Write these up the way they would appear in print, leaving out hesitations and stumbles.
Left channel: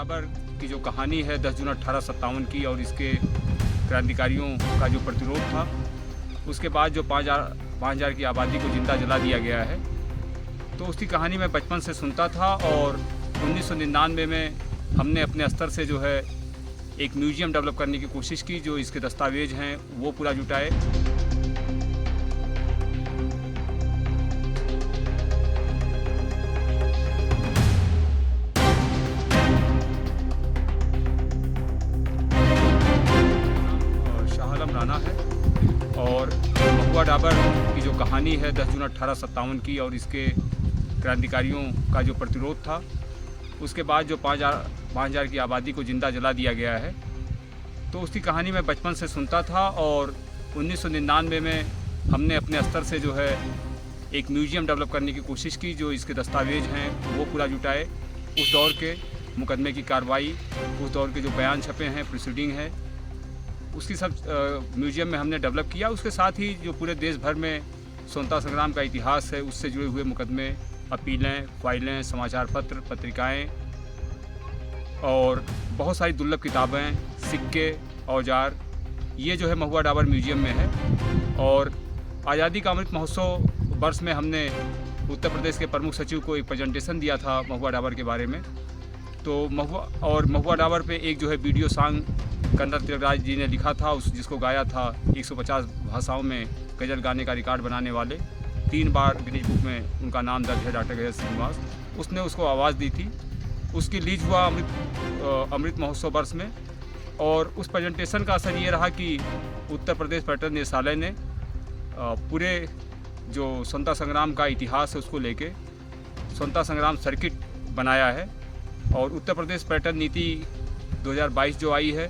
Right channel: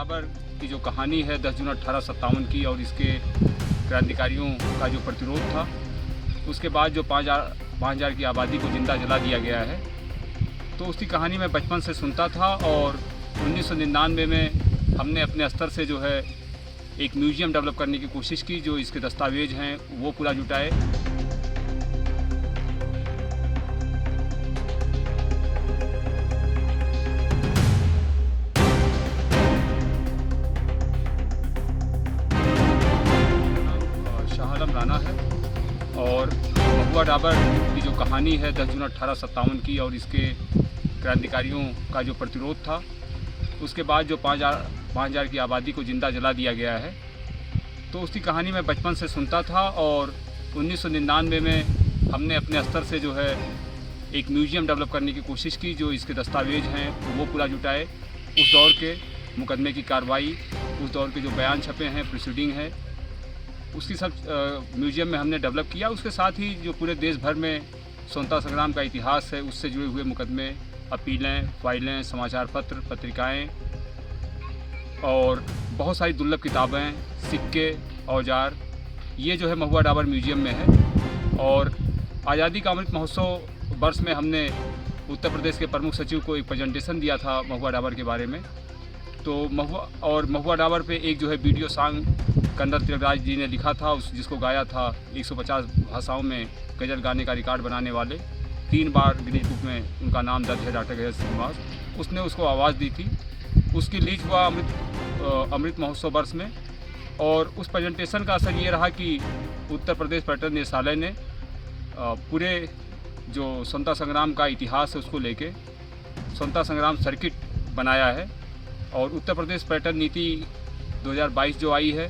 डाबर की जो कहानी है 10 जून 1857 की और इसके क्रांतिकारियों का जो प्रतिरोध था, उसके बाद जो 5,000 की आबादी को जिंदा जला दिया गया है, तो उसकी कहानी मैं बचपन से सुनता था। और 1999 में हमने अपने स्तर से जो है एक म्यूज़ियम डेवलप करने की कोशिश की, जो इसके दस्तावेज हैं वो पूरा जुटाए। शाह आलम राणा है और महुआ डाबर की जो कहानी है 10 जून 1857 की और इसके क्रांतिकारियों का जो प्रतिरोध था, उसके बाद जो 5,000 की आबादी को जिंदा जला दिया गया है, तो उसकी कहानी मैं बचपन से सुनता था। और 1999 में हमने अपने स्तर से जो है एक म्यूज़ियम डेवलप करने की कोशिश की, जो इसके दस्तावेज हैं वो पूरा जुटाए। उस दौर के मुकदमे की कार्रवाई, उस दौर के जो बयान छपे हैं, प्रोसीडिंग है, उसकी सब म्यूज़ियम में हमने डेवलप किया। उसके साथ ही जो पूरे देश भर में स्वतंत्रता संग्राम का इतिहास है, उससे जुड़े हुए मुकदमे, अपीलें, फाइलें, समाचार पत्र, पत्रिकाएं और बहुत सारी दुर्लभ किताबें, सिक्के, औजार, ये जो है महुआ डाबर म्यूज़ियम में है। और आज़ादी का अमृत महोत्सव वर्ष में हमने उत्तर प्रदेश के प्रमुख सचिव को एक प्रेजेंटेशन दिया था महुआ डाबर के बारे में। तो महुआ डाबर पे एक जो है वीडियो सॉन्ग कर्नल तिलकराज जी ने लिखा था, जिसको गाया था 150 भाषाओं में गज़ल गाने का रिकॉर्ड बनाने वाले। 3 बार गिनीज बुक में उनका नाम दर्ज है, डॉक्टर गजल श्रीनिवास। उसने उसको आवाज़ दी थी। उसकी रिलीज हुआ अमृत महोत्सव वर्ष में। और उस प्रेजेंटेशन का असर ये रहा कि उत्तर प्रदेश पर्यटन निदेशालय ने पूरे जो स्वतंत्रता संग्राम का इतिहास है उसको लेके स्वतंत्रता संग्राम सर्किट बनाया है। और उत्तर प्रदेश पर्यटन नीति 2022 जो आई है,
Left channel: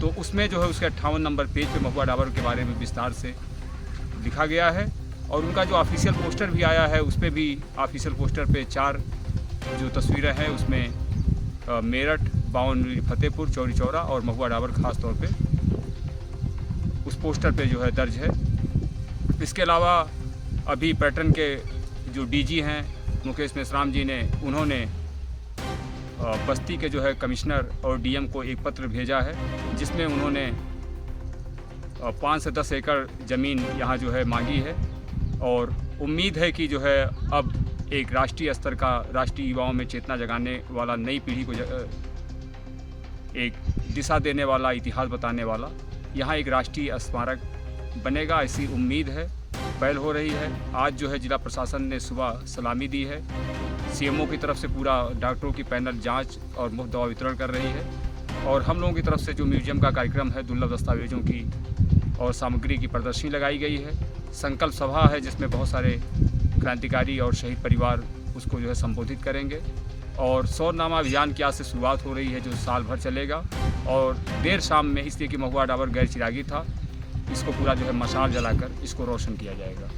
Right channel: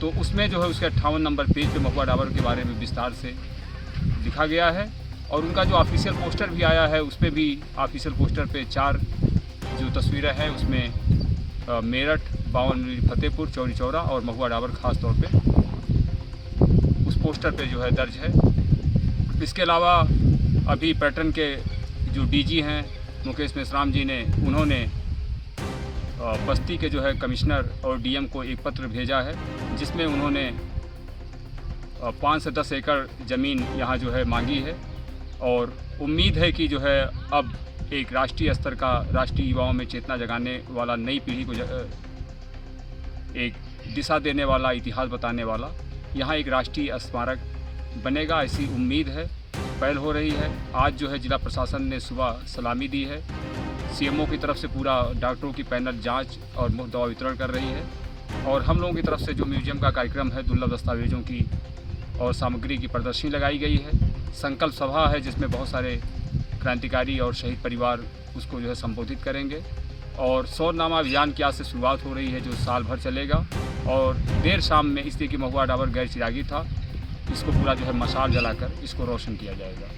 तो उसमें जो है उसके 58 नंबर पेज पे महुआ डाबर के बारे में विस्तार से लिखा गया है। और उनका जो ऑफिशियल पोस्टर भी आया है, उस पर भी ऑफिशियल पोस्टर पे 4 जो तस्वीरें हैं, उसमें मेरठ, बावन फतेहपुर, चौरी चौरा और महुआ डाबर खास तौर पे उस पोस्टर पे जो है दर्ज है। इसके अलावा अभी पर्यटन के जो डीजी हैं मुकेश मेश्राम जी ने, उन्होंने बस्ती के जो है कमिश्नर और डीएम को एक पत्र भेजा है, जिसमें उन्होंने 5 से 10 एकड़ ज़मीन यहाँ जो है मांगी है। और उम्मीद है कि जो है अब एक राष्ट्रीय स्तर का, राष्ट्रीय युवाओं में चेतना जगाने वाला, नई पीढ़ी को एक दिशा देने वाला, इतिहास बताने वाला यहाँ एक राष्ट्रीय स्मारक बनेगा, ऐसी उम्मीद है। पहल हो रही है। आज जो है जिला प्रशासन ने सुबह सलामी दी है। सीएमओ की तरफ से पूरा डॉक्टरों की पैनल जांच और मुफ्त दवा वितरण कर रही है। और हम लोगों की तरफ से जो म्यूज़ियम का कार्यक्रम है, दुर्लभ दस्तावेजों की और सामग्री की प्रदर्शनी लगाई गई है। संकल्प सभा है, जिसमें बहुत सारे क्रांतिकारी और शहीद परिवार उसको जो है संबोधित करेंगे। और सौरनामा अभियान की आज से शुरुआत हो रही है, जो साल भर चलेगा। और देर शाम में, इसलिए कि महुआ डाबर गैर चिरागी था, इसको पूरा जो है मशाल जलाकर इसको रोशन किया जाएगा।